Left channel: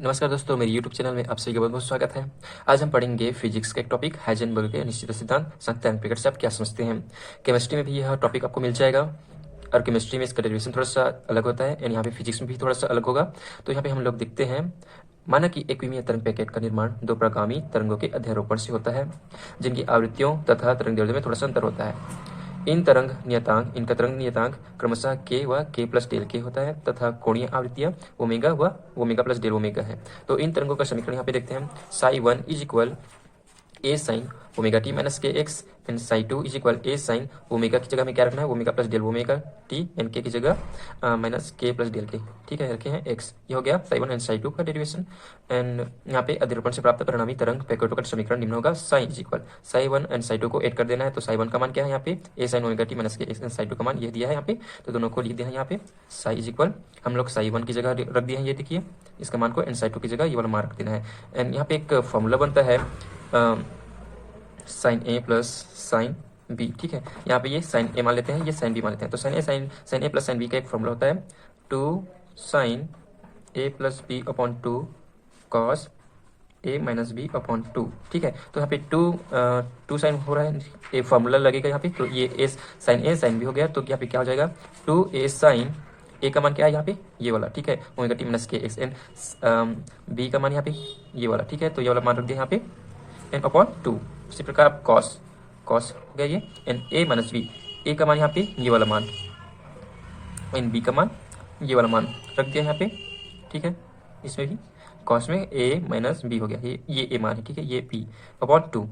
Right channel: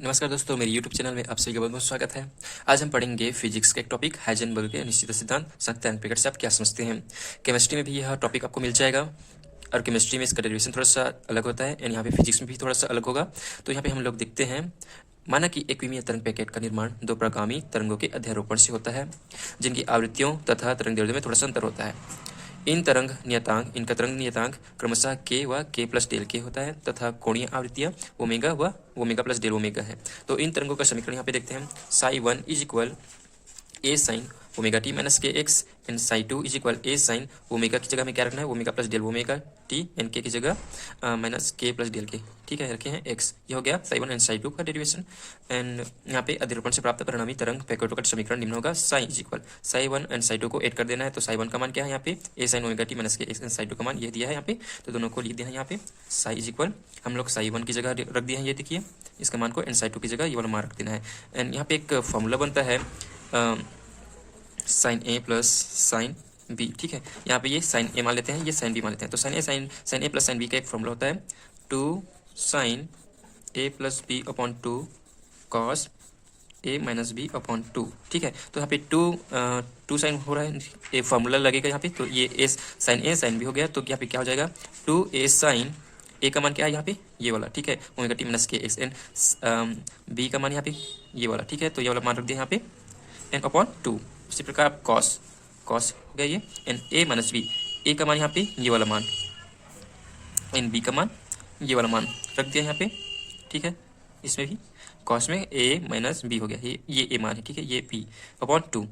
नमस्कार दोस्तों, मेरे YouTube चैनल में आप सभी का बहुत बहुत स्वागत है। आज हम पढ़ेंगे फिजिक्स का एक टॉपिक हाइजेनबर्ग के निश्चित सिद्धांत सत्यायन प्रकार से आप क्या समझते हैं। केमिस्ट्री में भी यह टॉपिक आपको मिल जाएगा और केमिस्ट्री में इसका डेरिवेशन थोड़ा सा अलग होता है एंड यहाँ पे फिजिक्स में भी थोड़ा सा अलग होगा। तो यहाँ पे हम लोग देखते हैं, माना कि एक विमीय तरंग पैकेट का निर्माण दो प्रगामी तरंगों के अध्यारोपण से होता है जिनकी आवृत्तियों तथा तरंग दैर्ध्य में थोड़ा सा अंतर होता है। इनका तरंग नियतांक क्रमशः के व के प्लस डेल के होता है तथा कोणीय आवृत्तियां ओमेगा व ओमेगा प्लस डेल ओमेगा है। तो इन तरंगों का समीकरण यहाँ पे देखते हैं। Psi one is equal A sine omega T minus के X and psi two is equal A sine omega की जगह में क्या रखना है, omega plus del omega T and K की जगह माइनस के प्लस डेल के। ठीक है, रखे हैं एक्स। ये हो गया psi one and psi to का डेरिवेशन। एंड यहाँ पे अध्यारोपण से प्राप्त परिणामी तरंग पैकेटों का समीकरण निम्न होगा। Sai is equal psi one and psi to को ऐड कर देना है। तो साई वन का मान क्या है यहाँ पे, ए साइन ओमेगा टी माइनस के एक्स एंड साई टू का मान ये दिया है यहाँ पे, तो दोनों को लिख दिया है यहाँ पे। साई इज इक्वल हम लोग साई वन की जगह रख दिए हैं, ये देखिए इसका मान को, एंड साई टू की जगह ये वाला मान रख देना है। एंड यहाँ पे एक फॉर्मूला बनता है sign A plus sine B. ठीक है, यहाँ पे ये साइन ए मान लेते हैं, ये साइन बी मान लेते हैं। तो sine A plus sine B का एक फॉर्मूला होता है, two sine A plus B upon two cos A minus B upon two. ठीक है, तो यहाँ पे टू साइन हो रहा है, ये फॉर्मूला लगेगा यहाँ पे, तो ये ए साइन ए साइन बी हो गया। तो यहाँ पे क्या हो जाएगा, टू ए साइन ए का मान क्या है यहाँ पे, ये वाला। ठीक है, ओमेगा टी माइनस के एक्स एंड बी का मान यहाँ पे ये वाला। ठीक है, तो ये वाला मान रख दिया यहाँ पे एन अपॉन टू। उसी प्रकार कॉस कॉस हो गया ये, एन ए माइनस बी, ए का मान यहाँ पे ये वाला मान, एन बी का मान ये वाला मान रख दिया यहाँ पे। ठीक है, इसमें भी कॉस में ए माइनस बी हो गया, ये ए मान है। ठीक है, ये बी अपॉन टू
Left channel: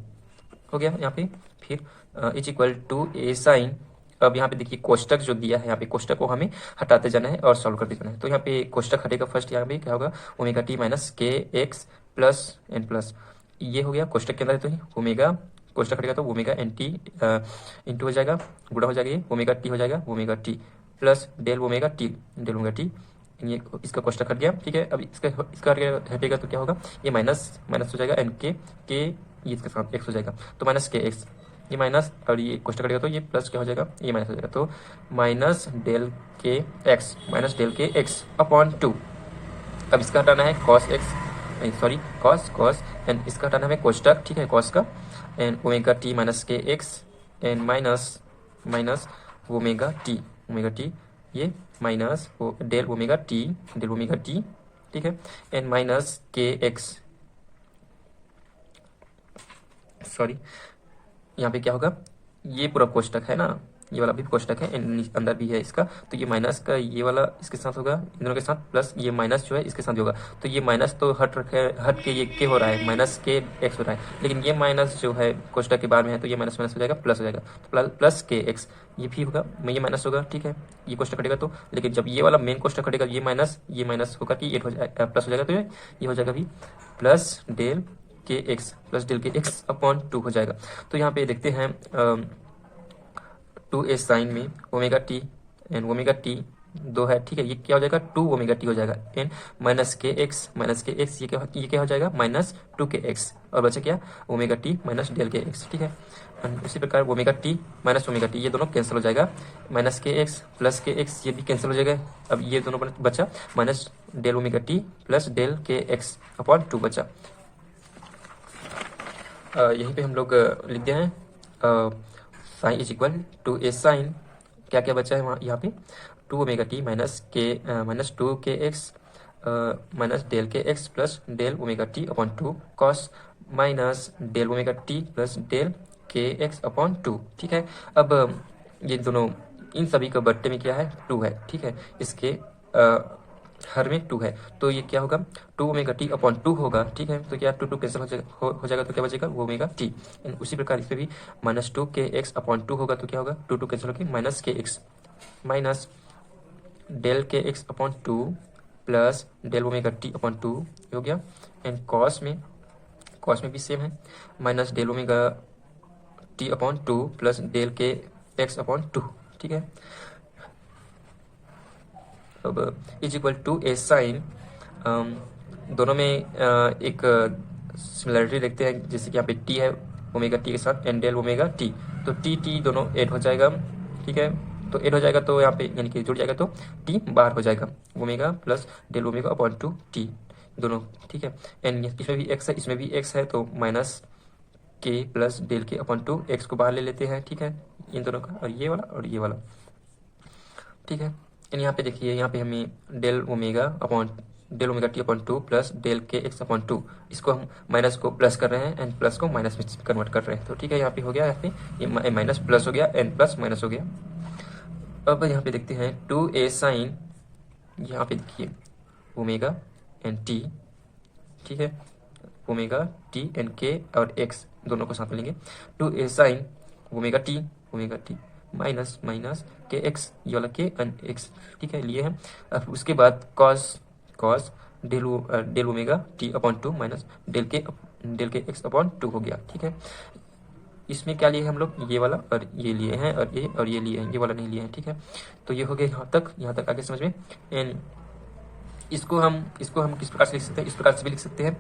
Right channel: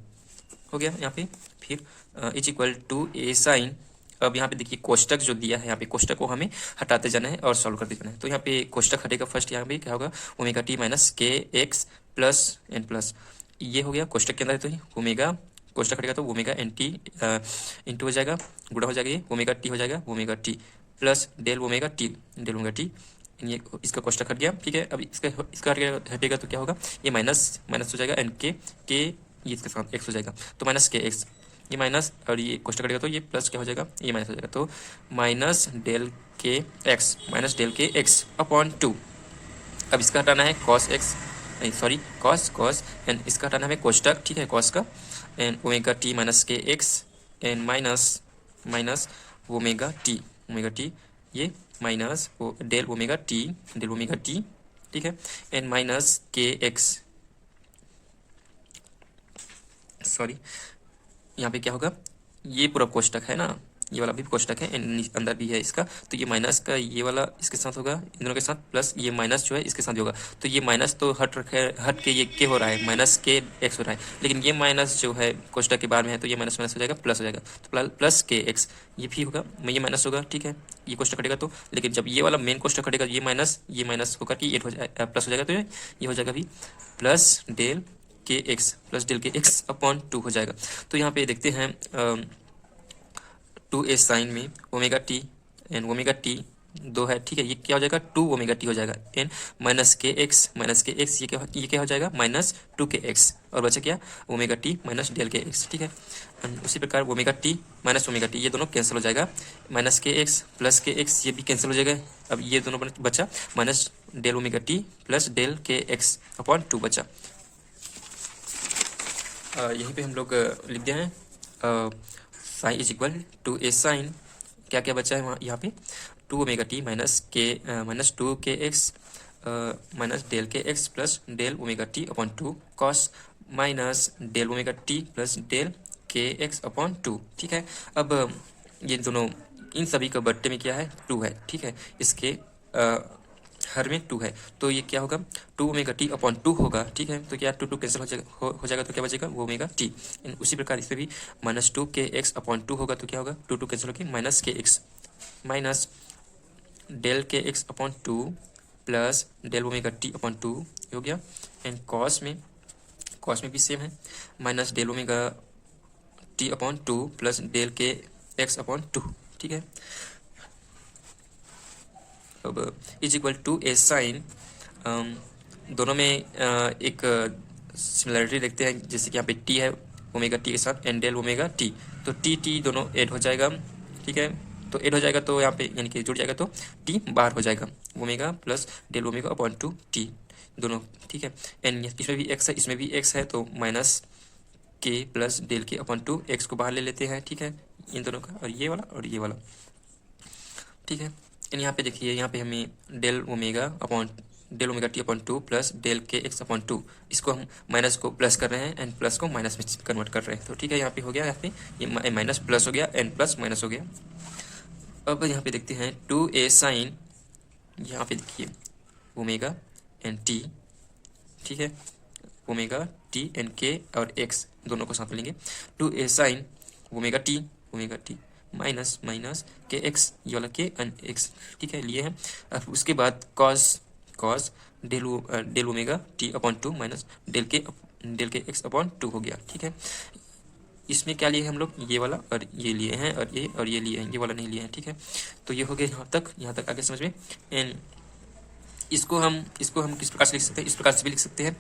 हो गया यहाँ पे। फिर is equal to A sine, अब यहाँ पे देखिए कोष्टक जो दिया है, यहाँ पे कोष्टक को हमें हटाते जाना है और सॉल्व करते जाना है। तो यहाँ पे कोष्टक हटेगा फर्स्ट, यहाँ पे क्या होगा, ओमेगा टी माइनस के एक्स प्लस एन प्लस, ये हो गया कोष्टक के अंदर। तो ही ओमेगा कोष्टक हटेगा तो ओमेगा एन टी इंटू हो जाएगा, गुणा हो जाएगा, ये ओमेगा टी हो जाएगा, omega T plus del omega t, del omega t, ये इसका कोष्टक हट गया। ठीक है, अब इसका हटेगा तो क्या होगा, ये माइनस माइनस हो जाएगा, एन के ये इसके साथ एक्स हो जाएगा, तो माइनस के एक्स, ये माइनस और ये कोष्टक कटेगा तो ये प्लस क्या हो जाएगा, ये माइनस हो जाएगा। तो माइनस डेल के एक्स माइनस डेल के एक्स अपॉन टू। अब इसका हटाना है कॉस एक्स, नहीं सॉरी कॉस एंड इसका हटाना है कोष्टक। ठीक है, कॉस का, एंड ओमेगा टी माइनस के X and minus omega t ये माइनस डेल ओमेगा टी। ठीक है, एंड माइनस के एक्स, सॉरी यहाँ पे क्या होगा, ये पूरा कोष्टक है ना, ये वाला भी कोष्टक है, अंदर भी है इसका, तो ये माइनस का ये वाला इसके साथ होगा, इन दोनों के साथ, प्लस ये माइनस जो है इसके साथ होगा। तो ये माइनस तो हट के ये के हो रहा है, माइनस के एक्स हो रहा है, लेकिन ये माइनस जो है कोष्टक के बाद में है, तो ये माइनस माइनस हो जाएगा, प्लस हो जाएगा, तो प्लस के एक्स ये भी होगा, ये माइनस होगा। ठीक है, ये कोष्टक हटेगा तो, लेकिन जब ये वाला मेन कोष्टक हटेगा, ये माइनस होकर कि ये प्लस हो जाएगा, तो ये हो जाएगा भी प्लस डेल के एक्स प्लस डेल के एक्स अपॉन टू हो जाएगा। तो यहाँ पे देखते हैं टू ए साइन में omega T and omega T दो है। ठीक है, ये क्या हो जाएगा, टू ओमेगा टी हो जाएगा, एन माइनस के एक्स, ये क्या हो जाएगा, माइनस टू के एक्स, और बचा क्या, ओमेगा टी माइनस डेल के एक्स। ठीक है, उसी प्रकार omega T minus omega t ये दोनों कैंसिल हो जाएगा, माइनस के एक्स प्लस के एक्स ये भी कैंसिल हो जाएगा। अब ये दोनों बचा minus del omega T plus del के एक्स अपॉन टू बचा। यहीं पे हम लोग लिख दिया है sine is equal to A sine, क्या क्या बचा है वहाँ, यहाँ पे two omega T minus two के एक्स माइनस डेल के x plus del omega t upon two cos minus del omega T plus del के एक्स अपॉन टू। ठीक है, अब ये दोनों इन सभी का बट्टे में क्या है, टू है। ठीक है, इसके हर में टू है, तो ये क्या होगा, two omega t upon two होगा। ठीक है, तो क्या टू कैंसिल हो जाएगा, तो क्या बचेगा, वो ओमेगा टी। उसी प्रकार इस पर भी माइनस टू के एक्स अपॉन टू होगा, तो क्या होगा, टू कैंसिल होकर माइनस के एक्स माइनस डेल के x upon two plus del omega t upon two हो गया। एंड कॉस में भी सेम है, minus del omega t upon two plus del के एक्स अपॉन टू। ठीक है, अब is equal to A sine, दोनों में एक सिमिलरिटी देखते हैं, जैसे कि यहाँ पे टी है ओमेगा टी के साथ एंड डेल ओमेगा टी, तो टी दोनों ऐड हो जाएगा। ठीक है, तो ऐड हो जाएगा तो यहाँ पे यानी कि जुड़ जाएगा, तो टी बाहर हो जाएगा, omega plus del omega upon two t, दोनों, ठीक है। एन इसमें भी एक्स है, इसमें भी एक्स है, तो माइनस के प्लस डेल के अपॉन 2, एक्स को बाहर ले लेते हैं, ठीक है, इन दोनों का, और ये वाला, ठीक है। एंड यहाँ पे देखिए, यहाँ पे हमें del omega t upon 2 plus del के एक्स अपॉन 2, इसको हम माइनस को प्लस कर रहे हैं एंड प्लस को माइनस में कन्वर्ट कर रहे हैं, तो ठीक है, यहाँ पे हो गया, यहाँ पे ये माइनस प्लस हो गया एंड प्लस माइनस हो गया। अब यहाँ पे देखते हैं 2a साइन, यहाँ पे देखिए ओमेगा एंड टी, ठीक है, ओमेगा टी एंड के और एक्स दोनों को साथ में लेंगे, 2a sign omega T minus minus के एक्स, ये वाला के एंड एक्स, ठीक है, लिए हैं। अब उसके बाद cos del omega t upon 2 minus del के एक्स अपॉन 2 हो गया, ठीक है। इसमें क्या लिए हैं हम लोग, ये वाला और ये लिए हैं, और ये लिए हैं, ये वाला नहीं लिए हैं, ठीक है। तो ये हो गया यहाँ तक आगे समझ में। एंड इसको हम किस प्रकार से लिख सकते हैं, इस प्रकार से भी लिख सकते हैं,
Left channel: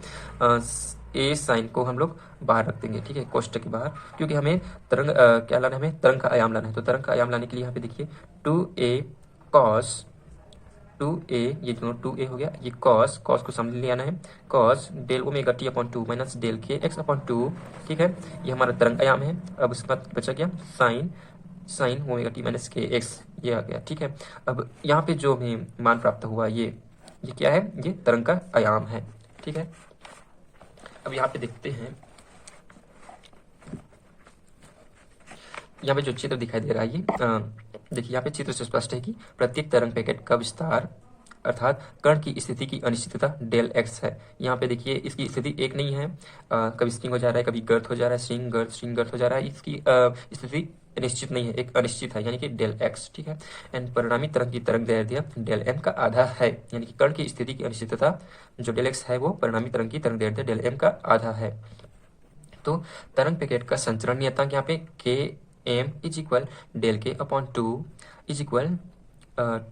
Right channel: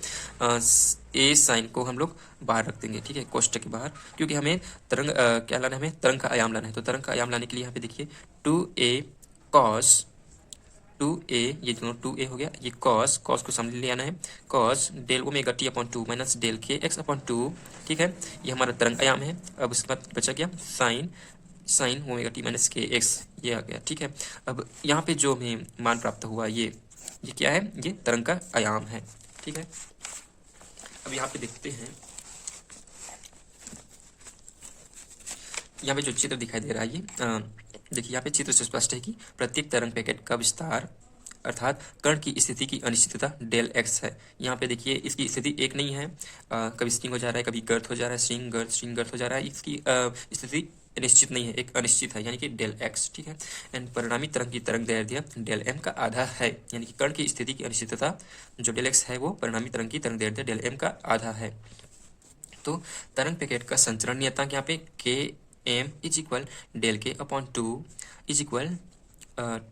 ए साइन को हम लोग बाहर रख देंगे, ठीक है, कोष्टक के बाहर, क्योंकि हमें तरंग क्या लाना है, हमें तरंग का आयाम लाना है। तो तरंग का आयाम लाने के लिए यहाँ पे देखिए 2a cos 2a, ये दोनों 2a हो गया, ये cos को सामने ले आना है, cos del omega t upon 2 minus del के एक्स अपॉन 2, ठीक है, ये हमारा तरंग आयाम है। अब उसके बाद बचा क्या, साइन ओमेगा टी माइनस के एक्स, ये आ गया, ठीक है। अब यहाँ पे जो हमें मान प्राप्त हुआ, ये क्या है, ये तरंग का आयाम है, ठीक है। अब यहाँ पे देखते हैं, यहाँ पे जो चित्र दिखाई दे रहा है, ये देखिए, यहाँ पे चित्र से स्पष्ट है कि प्रत्येक तरंग पैकेट का विस्तार अर्थात कण की स्थिति की अनिश्चितता डेल एक्स है। यहाँ पे देखिए, इसकी स्थिति एक नहीं है, कभी स्ट्रिंग हो जा रहा है, कभी गर्त हो जा रहा है, स्ट्रिंग गर्त हो जा रहा है, इसकी स्थिति निश्चित नहीं है, एक अनिश्चित है, यानी कि डेल एक्स, ठीक है। एंड परिणामी तरंग की तरंग दैर्ध्य डेल एम का आधा है, यानी कि कण की स्थिति की अनिश्चितता जो डेल एक्स है, वो परिणामी तरंग की तरंग दैर्ध्य डेल एम का आधा है। तो तरंग पैकेट का संचरण नियतांक यहाँ पे के एम इज इक्वल डेल के upon 2 is equal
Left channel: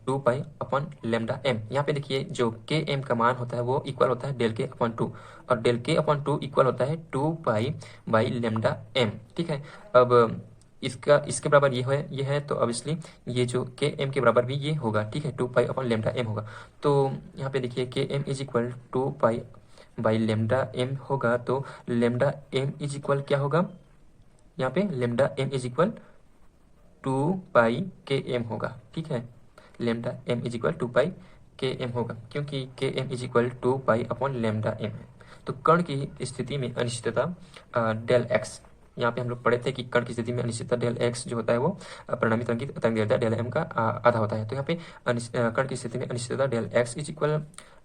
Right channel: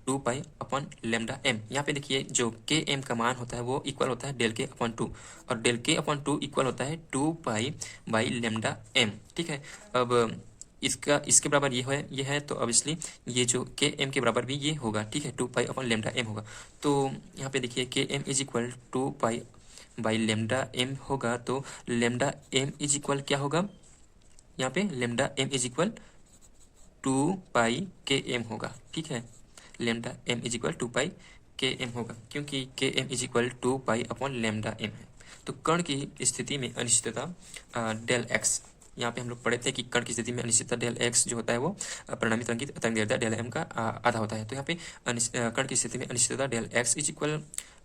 2 pi upon lambda m. यहाँ पे देखिए, जो के एम का मान होता है वो इक्वल होता है डेल के अपॉन 2, और डेल के अपॉन 2 इक्वल होता है 2 पाई बाई लेमडा एम, ठीक है। अब इसके बराबर ये है, तो ऑब्वियसली ये जो के एम के बराबर भी ये होगा, ठीक है, 2 पाई अपॉन लेमडा एम होगा। तो यहाँ पे देखिए, के m is equal 2 pi by lambda m होगा, तो लेमडा एम इज इक्वल क्या होगा, यहाँ पे lambda m is equal 2 pi के एम होगा, ठीक है, lambda m is equal 2 pi के एम होगा, क्योंकि के m is equal 2 pi upon lambda m है। तो कण की स्थिति में अनिश्चितता डेल एक्स, यहाँ पे हम लोग पढ़े थे कि कण की स्थिति में अनिश्चितता डेल एक्स जो होता है वो परिणामी तरंग की तरंग दैर्ध्य डेल एम का आधा होता है। तो यहाँ पे कण की स्थिति में अनिश्चितता del x is equal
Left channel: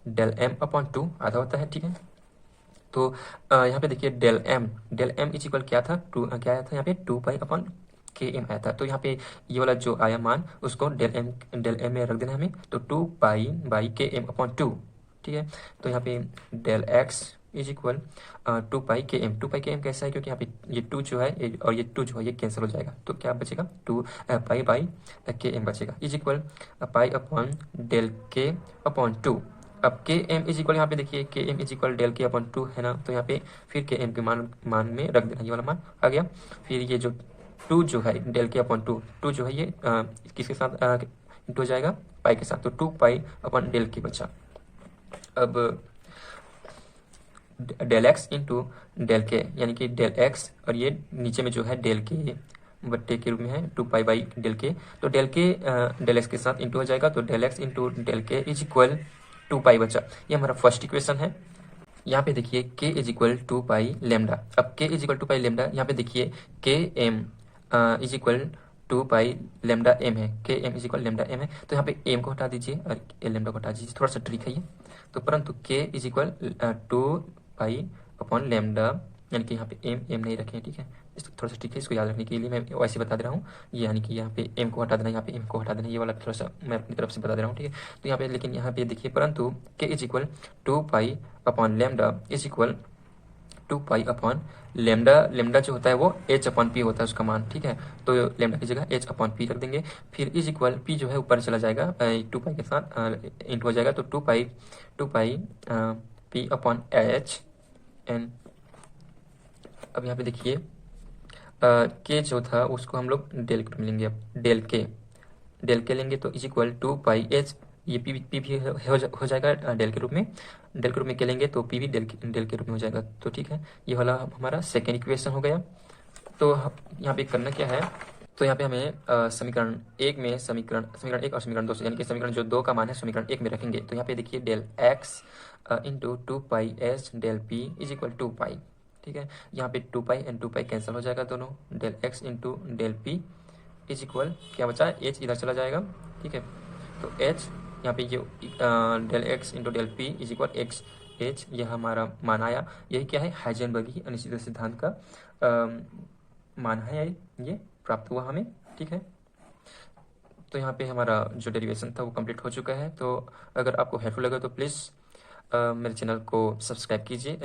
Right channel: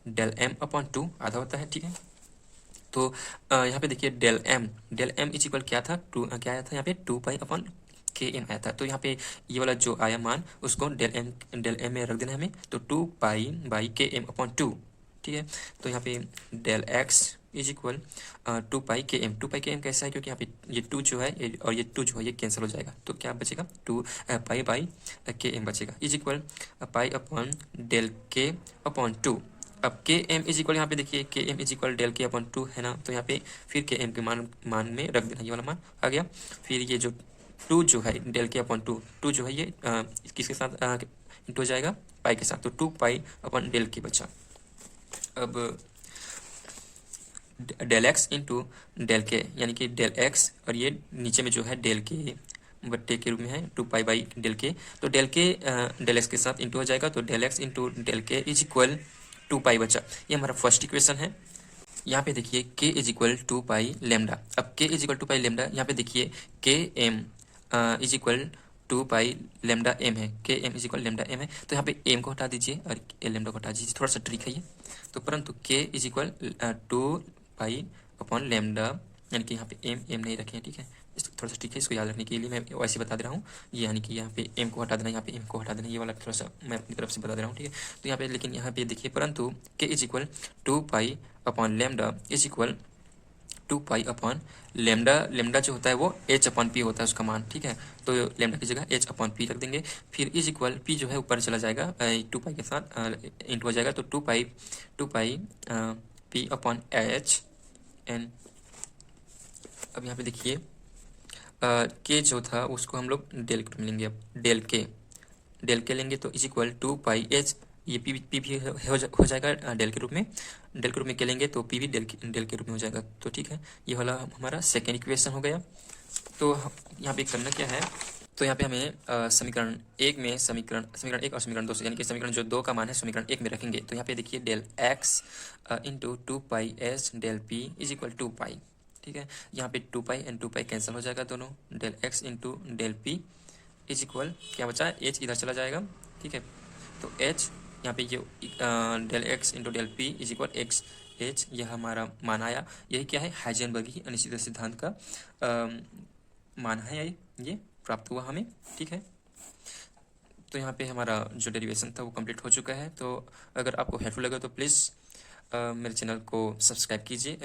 del m upon 2 आधा होता है, ठीक है। तो यहाँ पे देखिए, डेल एम इज इक्वल क्या था, क्या आया था यहाँ पे 2 पाई अपॉन के एम आया था। तो यहाँ पे ये वाला जो आया मान, उसको डेल एम में रख देना है हमें, तो 2 पाई बाई के एम अपॉन 2, ठीक है। तो यहाँ पे del x is equal 2 pi के एम कैसा है, क्योंकि यहाँ पे ये 2 जो है और ये 2 जो है ये कैंसिल हो जाएगा, तो क्या बचेगा, 2 पाई बाई के एम बचेगा, is equal pi upon del के अपॉन 2। अब के एम इज इक्वल, यहाँ पे देखिए, के एम इज इक्वल डेल के अपॉन 2 है ना, तो यहाँ पे फिर के एम के मान में रख देना, ये वाला मान आ गया। फिर ये जो 2 जो है डेल के अपॉन 2 जो है ये किसके साथ इंटू हो जाएगा, पाई के साथ, तो 2 पाई अपॉन डेल के बचा। अब डेल एक्स इंटू डेल के, यानी कि डेल एक्स, और ये नीचे में जो है डेल के बट्टे के रूप में है 2 पाई बाई डेल के, तो डेल के डेल एक्स के साथ इंटू हो जाएगा, तो डेल एक्स इंटू डेल के इज इक्वल 2 पाई बचा। ये हमारा फर्स्ट इक्वेशन है। यहाँ पे देखिए, के इज इक्वल 2 पाई लेमडा। अब के इज इक्वल 2 पाई लेमडा, यहाँ पे देखिए के m is equal 2 pi lambda m है, के m is equal lambda m है, तो यहाँ पे एम को हटा दीजिए और लेमडा को हटा दीजिए, थोड़ा सा ट्रिक है ये। तो परंतु के is equal 2 pi upon lambda, यानी कि यहाँ पे एम नहीं रखे हैं, ठीक है, इसको थोड़ा सा ठीक है, इसको याद रखने के लिए मैं वैसे बता दे रहा हूँ, ये यानी कि यहाँ पे एम को हटा देना, यहाँ पे एम को हटा देना, ये वाला थोड़ा सा मैं अपनी तरफ से बता दे रहा हूँ, ठीक है। तो यहाँ पे, लेकिन यहाँ पे देखिए, परंतु के is equal 2 pi upon lambda is equal 2 pi upon lambda जो होता है वो एच अपॉन पी होता है उसका मान, ठीक है। तो लेमडा की जगह एच अपॉन पी रख देंगे, फिर इज इक्वल पी जो है ऊपर चला जाएगा 2 पाई के साथ इंटू हो जाएगा, तो 2 पाई पी अपॉन एच एन। अब यहाँ पे देखिए, के जो था उसको हम लोग डेल के लेंगे, अब डेल के लेंगे, तो इज इक्वल 2 पाई एच, ये पी भी हो जाएगा डेल के रूप में, डेल के रूप में के लेंगे तो पी भी डेल के रूप में हो जाएगा। तो ठीक है, ये वाला हमारा सेकेंड इक्वेशन हो गया। तो यहाँ पे करना क्या है, तो यहाँ पे हमें समीकरण एक में समीकरण एक और समीकरण दो से, यानी कि समीकरण जो दो का मान है समीकरण एक में रखेंगे। तो यहाँ पे देखिए del x into 2π/s del P is equal 2π। ठीक है, यहाँ पे 2π एंड 2π कैंसिल हो जाएगा दोनों। Del x into del P is equal क्या बचा है, एच इधर चला जाएगा। ठीक है, तो एच यहाँ पे ये del x into del P is equal x h, यह हमारा मान आया। यही क्या है, हाइजेनबर्ग की अनिश्चितता सिद्धांत का मान है, ये प्राप्त हुआ हमें। ठीक है, तो यहाँ पे हमारा जो डेरिवेशन था वो कंप्लीट हो चुका है। तो अगर आपको हेल्पफुल लगा तो प्लीज़ मेरे चैनल को सब्सक्राइब कीजिए।